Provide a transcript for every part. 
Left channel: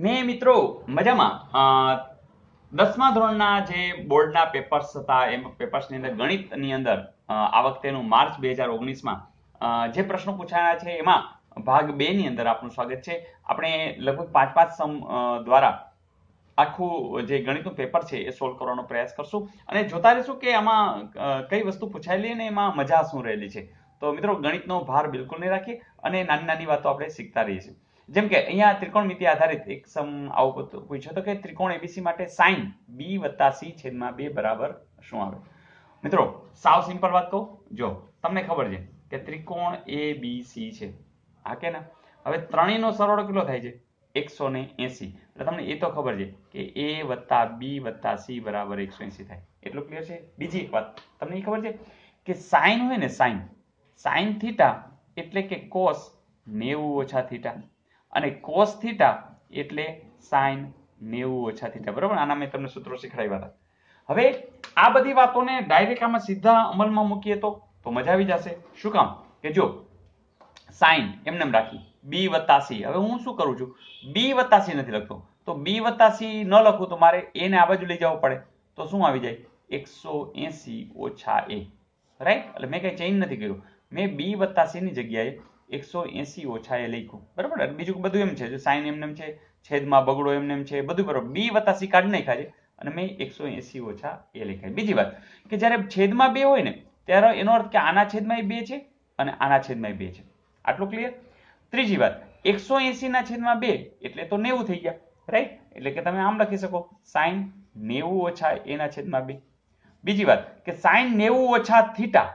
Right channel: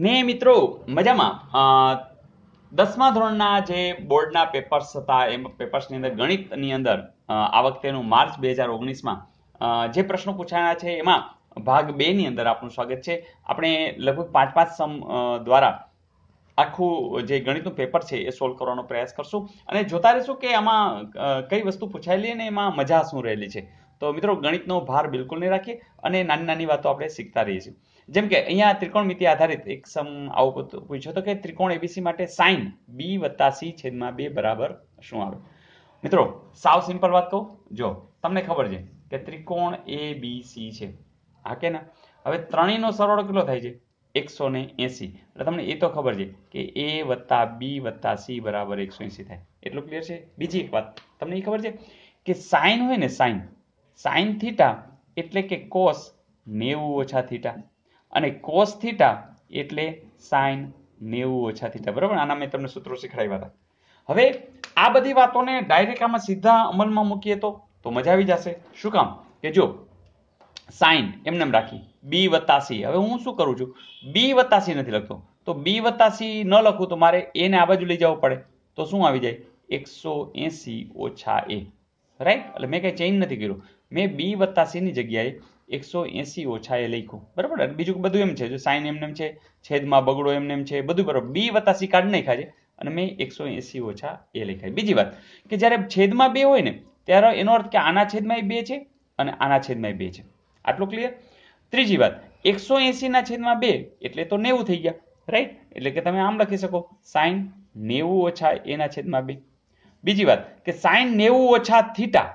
ને મિત્રો મજામાં 10મા ધોરણના જે બોર્ડના પેપર્સ હતા એ પેપર્સની અંદર ગણિતની અંદર આ વખતેનું માર્ચ 2019માં જે પ્રશ્નો પૂછાયા છે એમાં ભાગ 2 ની અંદર આપનું સ્વાગત છે. આપણે લગભગ 5-5 સમ દ્વારા આખું જે ગણિતનું પેપર છે એ સોલ્વ કરવાનો પ્રયાસ કરશું અને જોતા રહેશું કે આમાં કઈ વસ્તુ પૂછાયેલી અને એમાં મજા શું રહેલી છે. તો મિત્રો ગણિતનો ભાર બિલકુલ નહીં રાખીએ અને નાની નાની વાતો આપણે શીખતા રહીએ છીએ. જેમ કે અહીંયા ત્રિકોણમિતિ આધારિત એક સમ આવો પૂછ્યો હતો કે ત્રિકોણ એબીસી માટે સાઇન બી વત્તા સી છેદમાં 2 બરાબર શું આવે. મિત્રો સાવ સિમ્પલ વાત કહું, જો તમને ખબર છે કે ત્રિકોણ એબીસી છે, હા કે ના. હવે ત્રણેયનો સરવાળો કેટલો થાય છે? 180. એટલે તમને એ તો ખબર છે કે એ વત્તા બી વત્તા સી બરાબર 180 થાય. એટલું ક્લિયર છે. બીજી એક વાત તમને એ ખબર છે કે સાઇન હોય ને, સાઇન થીટા એટલે કે કોસ 90 ઓછા થીટા અને કોસ થીટા એટલે સાઇન 90 ઓછા થીટા. બરાબર, આના મેં તમને સૂત્રો શીખવાડ્યા હતા. હવે આ બધી વાતોને ડાયરેક્ટ આમાં સીધા અમલમાં મૂકીએ તો મજા આવી જશે. શું કામ? કે જો સાઇન એમને રાખી બી વત્તા સી. હવે હું શું કરું છું, બી વત્તા સી નથી લખતો, તો બી વત્તા સી ન લખું તો મારે એ ને આ બાજુ લઈ જવું પડે. તો શું આવી જાય? 180 ઓછા એ. રાઈટ? એટલે મેં કઈ ચેન્જ નથી કર્યું, મેં બી વત્તા સી ની જગ્યાએ 180 ઓછા એ લખ્યું. બરાબર, બીજું બધું એમ છે, જો સાઇન એમને છે, છેદમાં બગડો એમને છે, બધું બરાબર. બી વત્તા સી કાઢી નાખ્યા છે અને મેં 180 ઓછા એ લખ્યા. બીજી વાત કે જ્યારે છેદમાં 2 હોય ને ત્યારે એનો અર્થ કે આના છેદમાં 2 છે અને આના છેદમાં 2 છે. આટલું ક્લિયર? ત્રીજી વાત, 180 ના છેદમાં 2 એટલે તો 90 થઈ ગયા. રાઈટ? એટલે કે તમે આમ લખી શકો સાઇન 90 ઓછા એ ના છેદમાં 2. બીજી વાત કે સાઇન 90 ઓછા થીટા,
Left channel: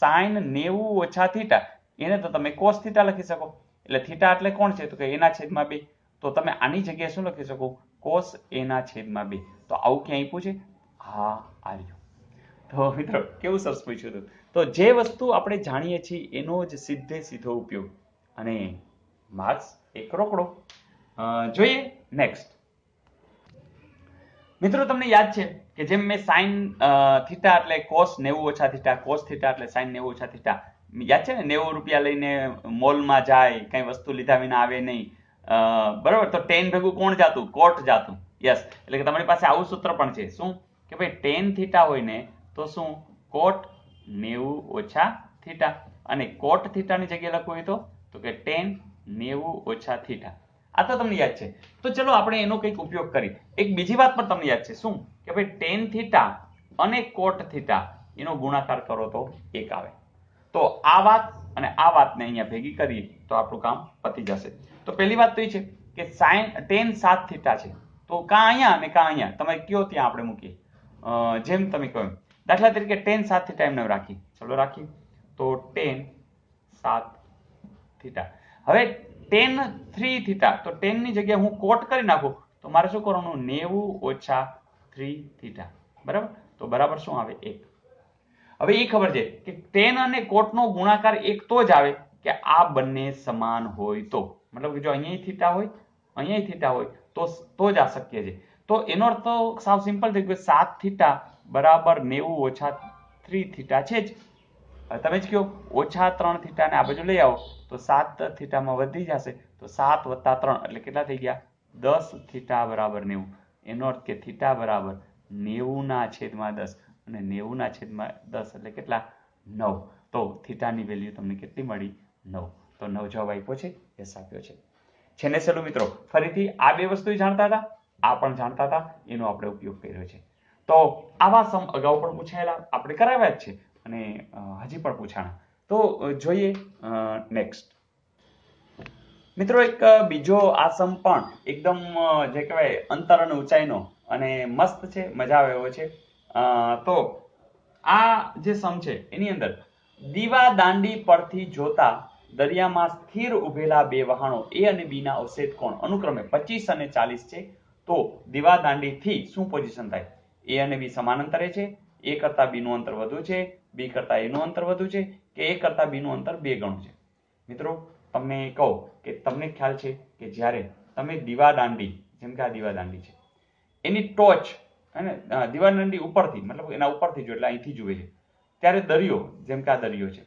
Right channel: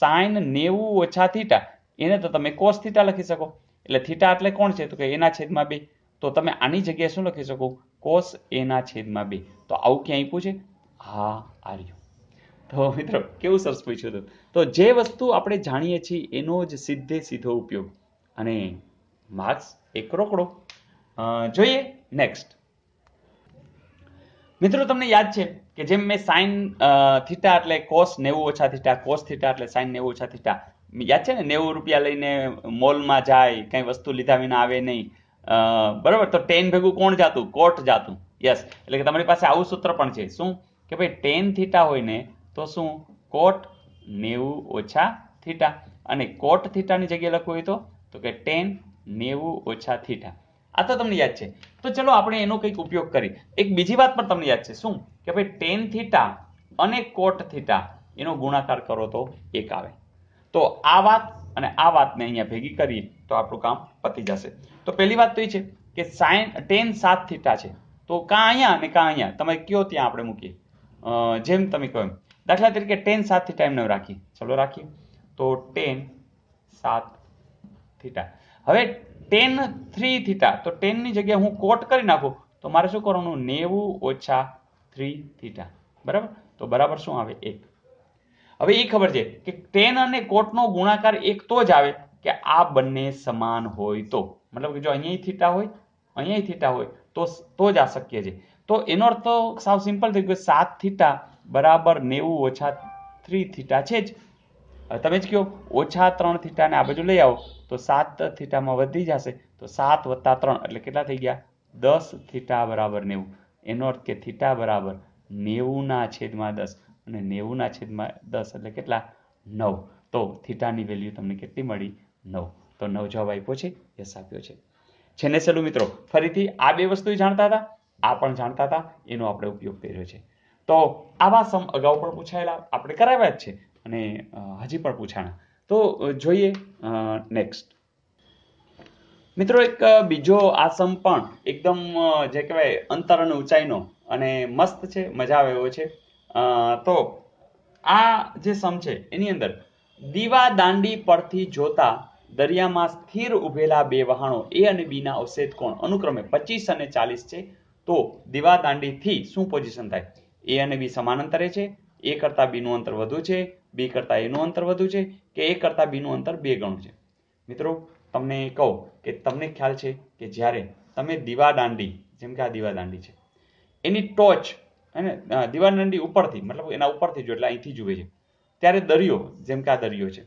સાઇન 90 ઓછા થીટા એને તો તમે કોસ થીટા લખી શકો. એટલે થીટા એટલે કોણ છે? તો કે એના છેદમાં 2. તો તમે આની જગ્યાએ શું લખી શકો? કોસ એના છેદમાં 2. તો આવું ક્યાં આપ્યું છે? હા, આર્યું. તો મિત્રો કેવું સરસ પૂછ્યું હતું. તો જે વસ્તુ આપણે જાણીએ છીએ એનો જ સીધે સીધો ઉપયોગ અને માર્ક્સ એક રોકડો. જોઈએ નેક્સ્ટ. મિત્રો તમને યાદ છે કે જેમ મેં સાઇન થીટા એટલે કોસ 90 ઓછા થીટા, કોસ થીટા એટલે સાઇન 90 ઓછા થીટા. યાદ છે ને? 90 રૂપિયા લઈને મોલમાં જાય, કઈ વસ્તુ લીધા વિના આવે નહીં. બરાબર, તો ટેન ભેગું કોણ જાતું? કોટ જાતું. યસ, એટલે કે તમારી પાસે આવું સૂત્ર પણ છે. શું કે ભાઈ ટેન થીટા હોય ને તો શું? કોટ 90 ઓછા થીટા. અને કોટ થીટાની જગ્યાએ લખવું હોય તો કે ટેન 90 ઓછા થીટા. આ તો તમને યાદ છે. તો ચલો આપણે એનો કંઈક ઉપયોગ કરી. એક બીજી વાત પણ તમને યાદ છે. શું કે ભાઈ ટેન થીટા અને કોટ થીટા એનો ગુણાકાર કરો તો 1 આવે. તો આ વાત અને આ વાતને અહીંયા ભેગી કરીએ તો આપણું કામ પતી જશે. તો પહેલી વાત તો એ છે કે સાઇન ટેન 7 થીટા છે, તો કાં અહીંયા અને કાં અહીંયા તમે કયો ત્યાં આપણે મૂકીએ. જેમ તમે કહો એમ. દાખલા તરીકે ટેન 7 થીટા એમને રાખીએ. ચલો રાખીએ. તો ટેન 7 થીટા. હવે ટેન 3 થીટા, તો ટેન ની જગ્યાએ હું કોટ કરી નાખું તો મારે શું કરવાનું? 90 ઓછા 3 થીટા. બરાબર, તો બરાબર શું આવે? 1. હવે એ ખબર છે કે ટેન અને કોટનો ગુણાકાર 1 તો જ આવે કે આ બંને સમાન હોય તો. મતલબ કે જો અહીંયા થીટા હોય, અહીંયા થીટા હોય તો જ આ શક્ય છે. તો એનો અર્થ તો સાવ સિમ્પલ થઈ ગયો. 7 થીટા બરાબર 90 ઓછા 3 થીટા છે જ. તમે જ કહો ઓછા 3 થીટાને આ બાજુ લઈ આવો તો 7 થીટામાં વધી જશે. તો 7 વત્તા 3 એટલે કેટલા થઈ ગયા? 10 થીટા બરાબર 90. એનો અર્થ કે થીટા બરાબર 90 ના છેદમાં 10 અને 90 ના છેદમાં 10 એટલે કેટલા? 9. તો થીટાની વેલ્યુ તમને કેટલી મળી? 9. તો 9 જવાબ આપ્યો છે. યસ આપ્યો છે. છેલ્લે છેલ્લું મિત્રો ફરીથી આ બે વસ્તુ જાણતા હતા, આ પણ જાણતા હતા, એનો આપણે ઉપયોગ કર્યો છે. તો આવા સમ અગાઉ પણ પૂછાયેલા, આપણે કરાવ્યા જ છે અને હજી પણ પૂછાણા. તો જોઈએ નેક્સ્ટ. મિત્રો એક બીજો આ સમ પણ એકદમ જે કહેવાય અંતર અને ઊંચાઈનો અને મસ્ત છે, મજા આવે એવો છે. તો આ જે સમ છે એની અંદર દીવા દાંડી પરથી જોતા દરિયામાં સ્થિર ઉભેલા બે વહાણો એ અને બી ના અવશેષ કોણ અનુક્રમે 25 અને 40 છે. તો દીવા દાંડીથી શું પોઝિશન થાય? એ અને બી સમાન અંતરે છે, એ કરતા બી નું અંતર વધુ છે, બી કરતા એ નું અંતર વધુ છે કે એ કરતા બી નું અંતર 2 ગણું છે. મિત્રો તમને કહું કે તમને ખ્યાલ છે કે જ્યારે તમે દીવા દાંડી, જેમ કે આ દીવા દાંડી છે, એની ટોચ અને દીવા દાંડી ઉપરથી, મતલબ એના ઉપરથી જો એટલે અહીંથી જુએ છે, ત્યારે દરિયો, જેમ કે આ દરિયો છે,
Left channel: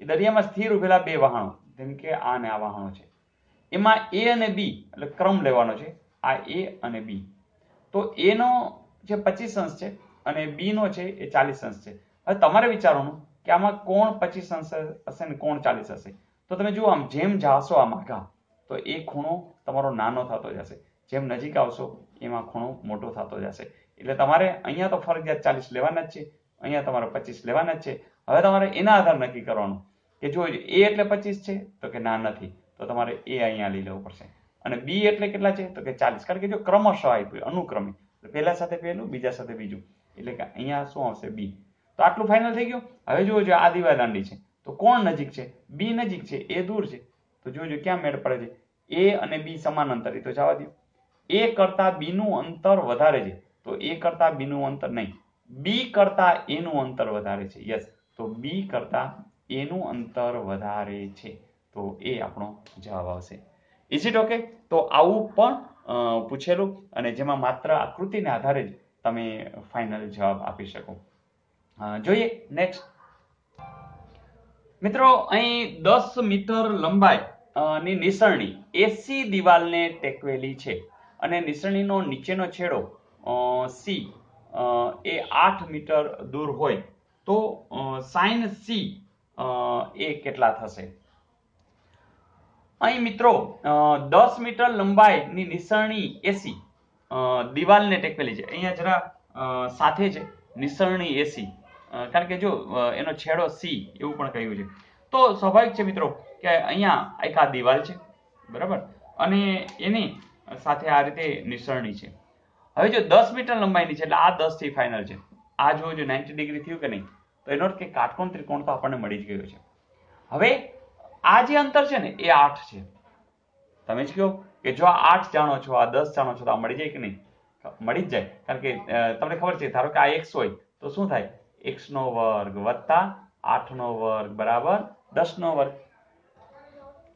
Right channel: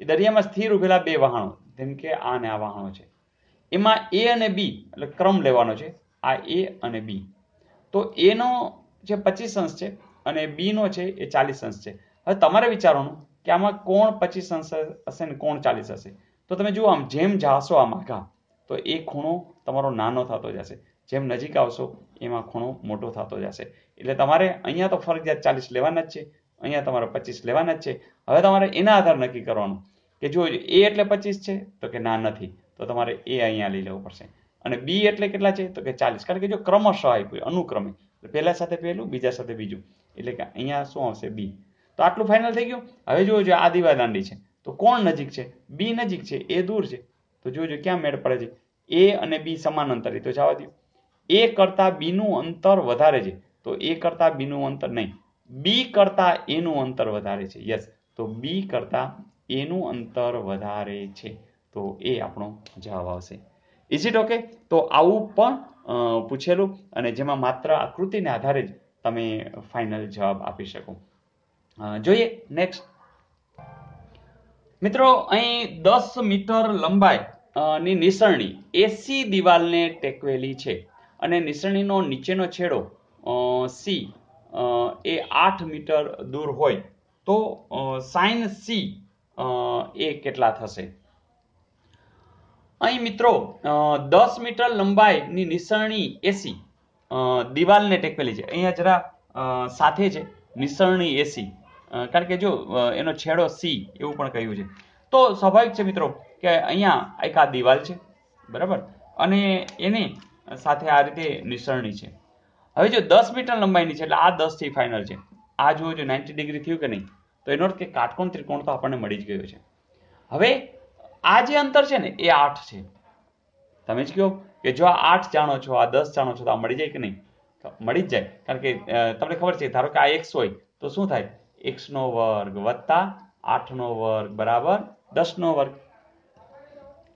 એ દરિયામાં સ્થિર ઉભેલા બે વહાણો, જેમ કે આ અને આ વહાણો છે, એમાં એ અને બી એટલે ક્રમ લેવાનો છે. આ એ અને બી. તો એ નો જે 25 અંશ છે અને બી નો છે એ 40 અંશ છે. હવે તમારે વિચારવાનું કે આમાં કોણ 25 અંશ હશે ને કોણ 40 હશે. તો તમે જુઓ આમ જેમ જાશો આમ આગા તો એ ખૂણો તમારો નાનો થતો જશે, જેમ નજીક આવશો એમાં ખૂણો મોટો થતો જશે. એટલે તમારે અહીંયા તો ફરજિયાત 40 લેવાના જ છે, અહીંયા તમારે 25 લેવાના જ છે. હવે તમારે એના આધાર નક્કી કરવાનું કે જો એ એટલે 25 છે તો કે ના નથી, તો તમારે એ અહીંયા લઈ લેવું પડશે. અને બી એટલે કેટલા છે તો કે 40, કારણ કે જો ક્રમશઃ આપ્યું અનુક્રમે, પહેલા સાથે પહેલું બીજા સાથે બીજું, એટલે કે અહીંયા શું આવશે બી. તો આટલું ફાઇનલ થઈ ગયું. હવે જોજો આ દિવાલ દાંડી છે તો કોણ નજીક છે? બી નજીક છે, એ દૂર છે. તો જોજો ક્યાં મેળ પડે છે? એ અને બી સમાન અંતરે, તો જવા દો. એ કરતા બી નું અંતર વધારે છે, તો એ કરતા બી નું અંતર નહીં, બી કરતા એ નું અંતર વધારે છે. યસ, તો બી કરતા એ નું અંતર વધારે છે, તો એ આપણો જવાબ આવશે. Is it okay? તો આવું પણ પૂછેલું અને જેમાં માત્ર આકૃતિને આધારે જ તમે ફાઇનલ જવાબ આપી શકો. જોઈએ નેક્સ્ટ. મિત્રો અહીં 10 મીટર લંબાઈ ની નિસરણી એસી દિવાલને ટેકવેલી છે અને નિસરણીનો નીચેનો છેડો સી એ 8 મીટર દૂર હોય તો સાઇન સી એ કેટલા થશે? અહીં મિત્રો 10 મીટર લંબાઈની નિસરણી એસી દિવાલને ટેકવેલી છે. અહીંયા જરા સાથે છે નિસરણી એસી, કારણ કે જો એનો છેડો સી એવું પણ કહ્યું છે. તો સ્વાભાવિક છે મિત્રો કે અહીંયા એક આ દિવાલ છે, બરાબર, અને એની સાથે આ રીતે નિસરણી છે. હવે જો 10 મીટર લંબાઈની છે એટલે આ 10 થી ફાઇનલ છે. આ જો 90 ડિગ્રી થયું કે નહીં, તો એનો અર્થ કે કાટકોણ ત્રિકોણ તો આપણને મળી જ ગયો છે. હવે આ જે અંતર છે ને એ 8 છે. તમે જ કહો કે જો આ 8 જાણો છો, આ 10 જાણો છો, તો આ મળી જાય કે નહીં? મળી જ જાય, કારણ કે તમને ખબર છે, ધારો કે આ x હોય તો શું થાય? x નો વર્ગ વત્તા 8 નો વર્ગ બરાબર 10 નો વર્ગ.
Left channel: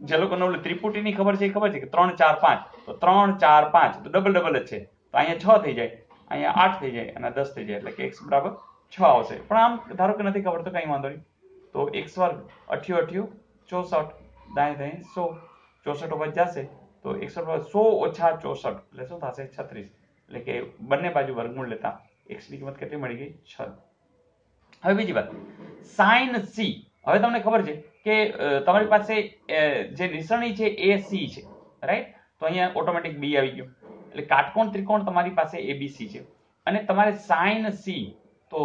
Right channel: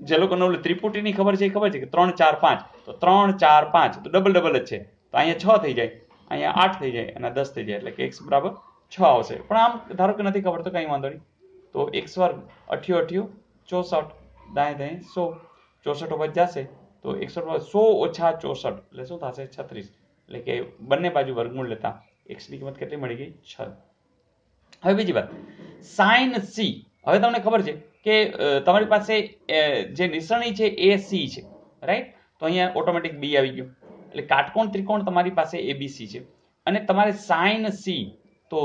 જે લોકોને ત્રિપુટીની ખબર છે એ ખબર છે કે 3 4 5, તો 3 4 5 તો ડબલ ડબલ જ છે. તો અહીંયા 6 થઈ જાય, અહીંયા 8 થઈ જાય અને 10 થઈ જાય, એટલે કે x બરાબર 6 આવશે. પણ આમ ધારો કે નથી ખબર તો કંઈ વાંધો નહીં. તો x વર્ગ 8 8 64, દાएं દાएं 100, 64 ઉપર જશે તો 100 ઓછા 64 એટલે શું થશે? 36. એટલે કે બંને બાજુ વર્ગમૂળ લેતા x ની કિંમત કેટલી મળી ગઈ? 6. હવે બીજી વાત, સાઇન સી. હવે તમને ખબર છે કે તમારી પાસે જે નિસરણી છે એ સી છે, રાઈટ? તો અહીંયા ઓટોમેટિક બી આવી ગયું, એટલે કાટકોણ ત્રિકોણ તમારી પાસે એબીસી છે. અને તમારે સાઇન સી, તો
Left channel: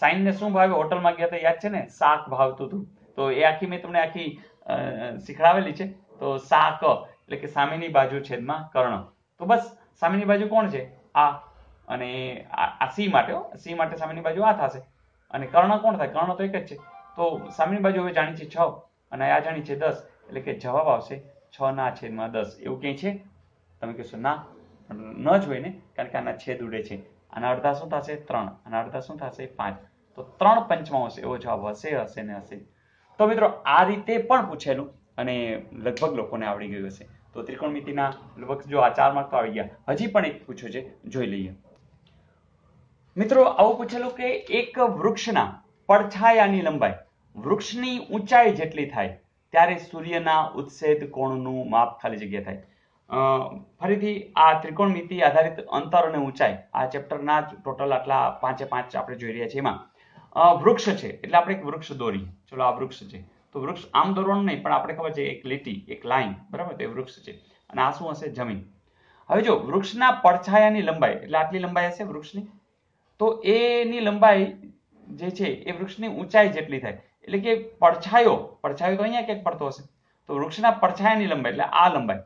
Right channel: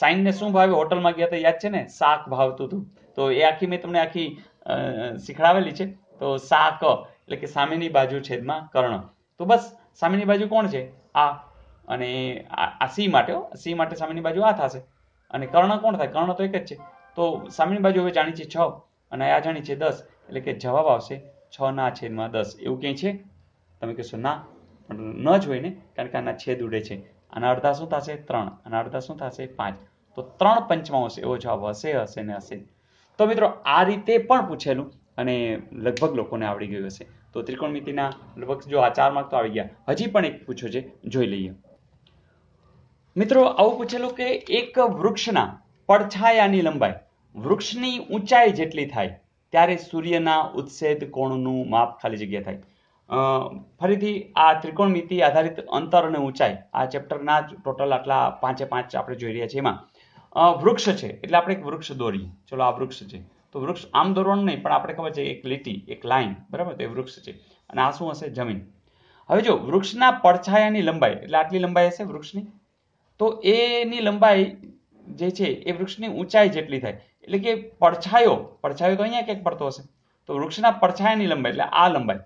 સાઇન ને શું ભાવે? હોટલમાં ગયા તો યાદ છે ને, શાક ભાવતું હતું, તો એ આખી મેં તમને આખી શીખડાવેલી છે. તો શાક એટલે કે સામેની બાજુ છેદમાં કર્ણ. તો બસ સામેની બાજુ કોણ છે? આ. અને આ સી માટે, સી માટે સામેની બાજુ આ થશે અને કર્ણ કોણ થાય? કર્ણ તો એક જ છે. તો સામેની બાજુ હવે જાણી છે 6 અને આ જાણી છે 10, એટલે કે જવાબ આવશે 6 ના છેદમાં 10. એવું કંઈ છે? તમે કહેશો ના, ન જ હોય ને, કારણ કે આના છેદ ઉડે છે. આના અડધા શું થશે? 3, આના અડધા શું થશે? 5. તો 3/5 એવો જવાબ હશે, હશે ને હશે. તો મિત્રો આ રીતે પણ પૂછેલું અને લગભગ લોકોને આવડી ગયું હશે. તો ત્રિકોણમિતિના લગભગ જો આ 4 માર્ક તો આવી ગયા. હજી પણ એક પૂછ્યો છે, જોઈ લઈએ. મિત્રો આવું પૂછેલું કે એક વૃક્ષના પડછાયાની લંબાઈ વૃક્ષની ઊંચાઈ જેટલી થાય ત્યારે સૂર્યના ઉત્સેદ કોણનું માપ ખાલી જગ્યા થાય. ફરીથી આ ત્રિકોણમિતિ આધારિત અંતર અને ઊંચાઈ આ ચેપ્ટરના ટોટલ આટલા 5 આપણે જોઈ રહ્યા છીએ. એમાં વૃક્ષ છે એટલે આપણે એક વૃક્ષ દોરીએ. ચલો આ વૃક્ષ છે, તો વૃક્ષ આમ દોરવાનું નહીં, પણ આપણે ખબર છે એક લીટી, એક લાઈન, બરાબર? તો એ વૃક્ષ છે અને આ શું હશે? જમીન. હવે જો વૃક્ષના પડછાયાની લંબાઈ એટલે આટલી લંબાઈ હશે વૃક્ષની, તો એની લંબાઈ જે છે એ વૃક્ષની ઊંચાઈ જેટલી થાય. એટલે કે પડછાયો તો અહીંયા ક્યાંક પડતો હશે, તો વૃક્ષના પડછાયાની લંબાઈ એટલે આ લંબાઈ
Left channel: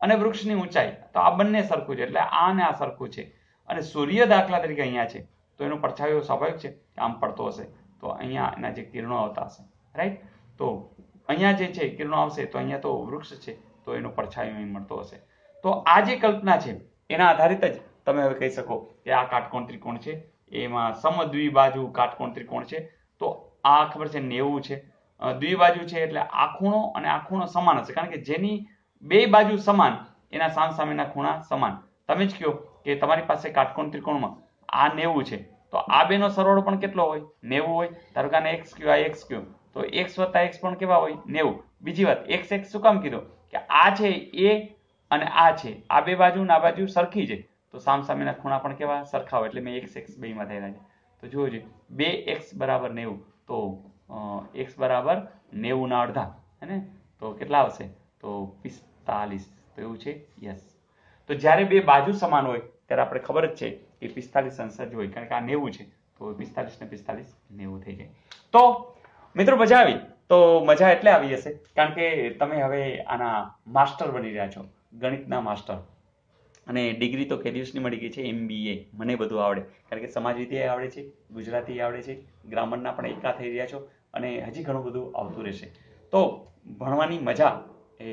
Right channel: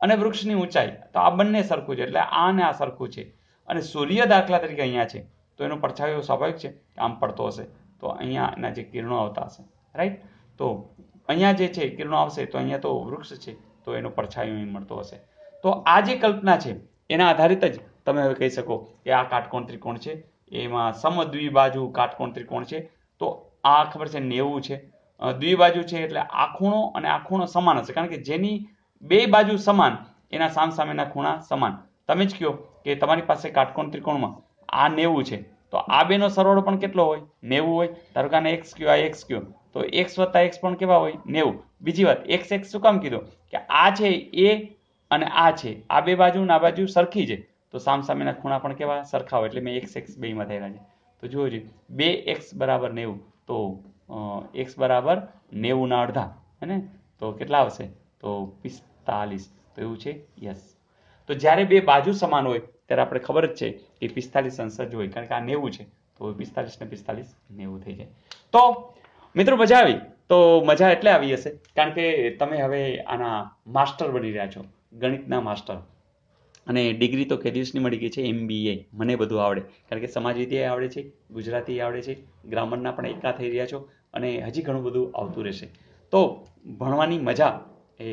અને વૃક્ષની ઊંચાઈ, તો આ બંને સરખું છે, એટલે આ ને આ સરખું છે. અને સૂર્ય દાખલા તરીકે અહીંયા છે તો એનો પડછાયો સ્વાભાવિક છે કે આમ પડતો હશે, તો અહીંયા એના જે કિરણો આવતા હશે, રાઈટ? તો અહીંયા જે છે કિરણો આવશે તો અહીંયા તો વૃક્ષ છે તો એનો પડછાયો અહીં મળતો હશે. તો આ જે કલ્પના છે એના આધારિત જ તમે હવે કહી શકો કે આ કાટકોણ ત્રિકોણ છે, એમાં સમદ્વિબાજુ કાટકોણ ત્રિકોણ છે. તો આ ખબર છે 90 છે, દ્વિબાજુ છે એટલે આ ખૂણો અને આ ખૂણો સમાન હશે, કારણ કે જેની બે બાજુ સમાન એના સામસામેના ખૂણા સમાન. તમે જ કહો કે તમારી પાસે કાટકોણ ત્રિકોણમાં આ 90 છે, તો આ બેનો સરવાળો પણ કેટલો હોય? 90 હોય. ધારો કે આને x કયો, આ x કયો, તો x વત્તા x પણ કેવા હોય? 90. બીજી વાત, x શું કામ કીધું? કે આ છે એ અને આ છે, આ બે બાજુ ને આ બાજુ સરખી છે, તો સામસામેના ખૂણા પણ કેવા સરખા હોય, એટલે મેં x બેમાં થયેલા છે. તો જુઓ છે 2x બરાબર 90, તો x બરાબર 90 ના અડધા, હે ને? તો કેટલા આવશે? તો 45. તો એવું છે, યસ. તો જ્યારે બે બાજુ સમાન હોય ત્યારે આપણે ખબર જ છે કે 45 અંશ જ હોય, કારણ કે આ 90 છે, તો 45 ને 45 90 થઈ જાય. તો મિત્રો મજા આવી. તો મજા એટલે આવી હશે કારણ કે તમે હવે આના માસ્ટર બની રહ્યા છો, ગણિતના માસ્ટર. અને ડિગ્રી તો કે દિવસની મળી ગઈ છે, MBA. મને બધું આવડે, કારણ કે સમાજ વિદ્યા આવડે છે, ગુજરાતી આવડે છે, ગ્રામરના પણ એકા થઈ રહ્યા છો, અને હજી ઘણું બધું આવતું રહેશે. તો ભણવાની મજા એ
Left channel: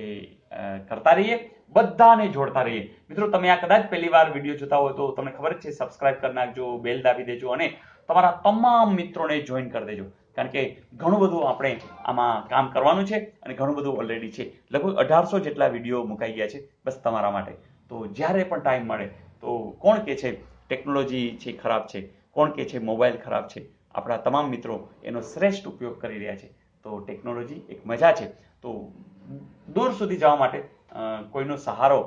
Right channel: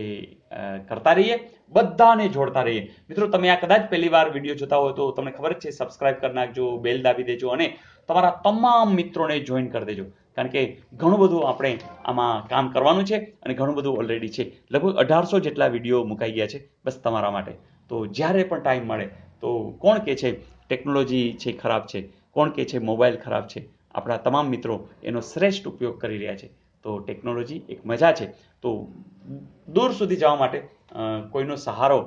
કરતા રહીએ, બધાને જોડતા રહીએ. મિત્રો તમે આ કદાચ પહેલી વાર વિડીયો જોતા હોય તો તમને ખબર જ છે, સબસ્ક્રાઇબ કરી નાખજો, બેલ દાબી દેજો અને તમારા તમામ મિત્રોને જોઈન કરી દેજો, કારણ કે ઘણું બધું આપણે આમાં કામ કરવાનું છે અને ઘણું બધું ઓલરેડી છે. લગભગ 1800 જેટલા વિડીયો મુકાઈ ગયા છે બસ તમારા માટે. તો જ્યારે પણ ટાઈમ મળે તો કોણ કે છે ટેકનોલોજી છે ખરાબ છે, કોણ કે છે મોબાઈલ ખરાબ છે, આપણા તમામ મિત્રો એનો શ્રેષ્ઠ ઉપયોગ કરી રહ્યા છે. તો ટેકનોલોજી એક મજા છે. તો દૂર સુધી જવા માટે કોઈનો સહારો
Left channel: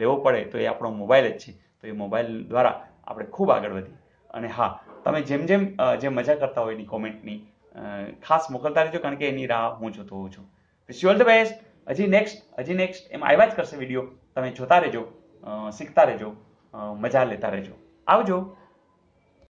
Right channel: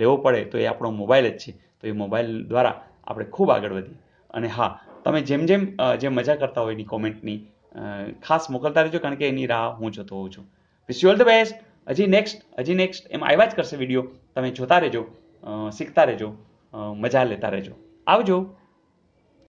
લેવો પડે તો એ આપણો મોબાઈલ જ છે. તો એ મોબાઈલ દ્વારા આપણે ખૂબ આગળ વધીએ. અને હા, તમે જેમ જેમ જે મજા કરતા હોય એની કોમેન્ટની ખાસ મોકલતા રહેજો, કારણ કે એની રાહ હું જોતો હોઉં છું. Wish you all the best. હજી નેક્સ્ટ એમ આવ્યા જ કરશે વિડીયો. તમે જોતા રહેજો, શીખતા રહેજો, મજા લેતા રહેજો. આવજો.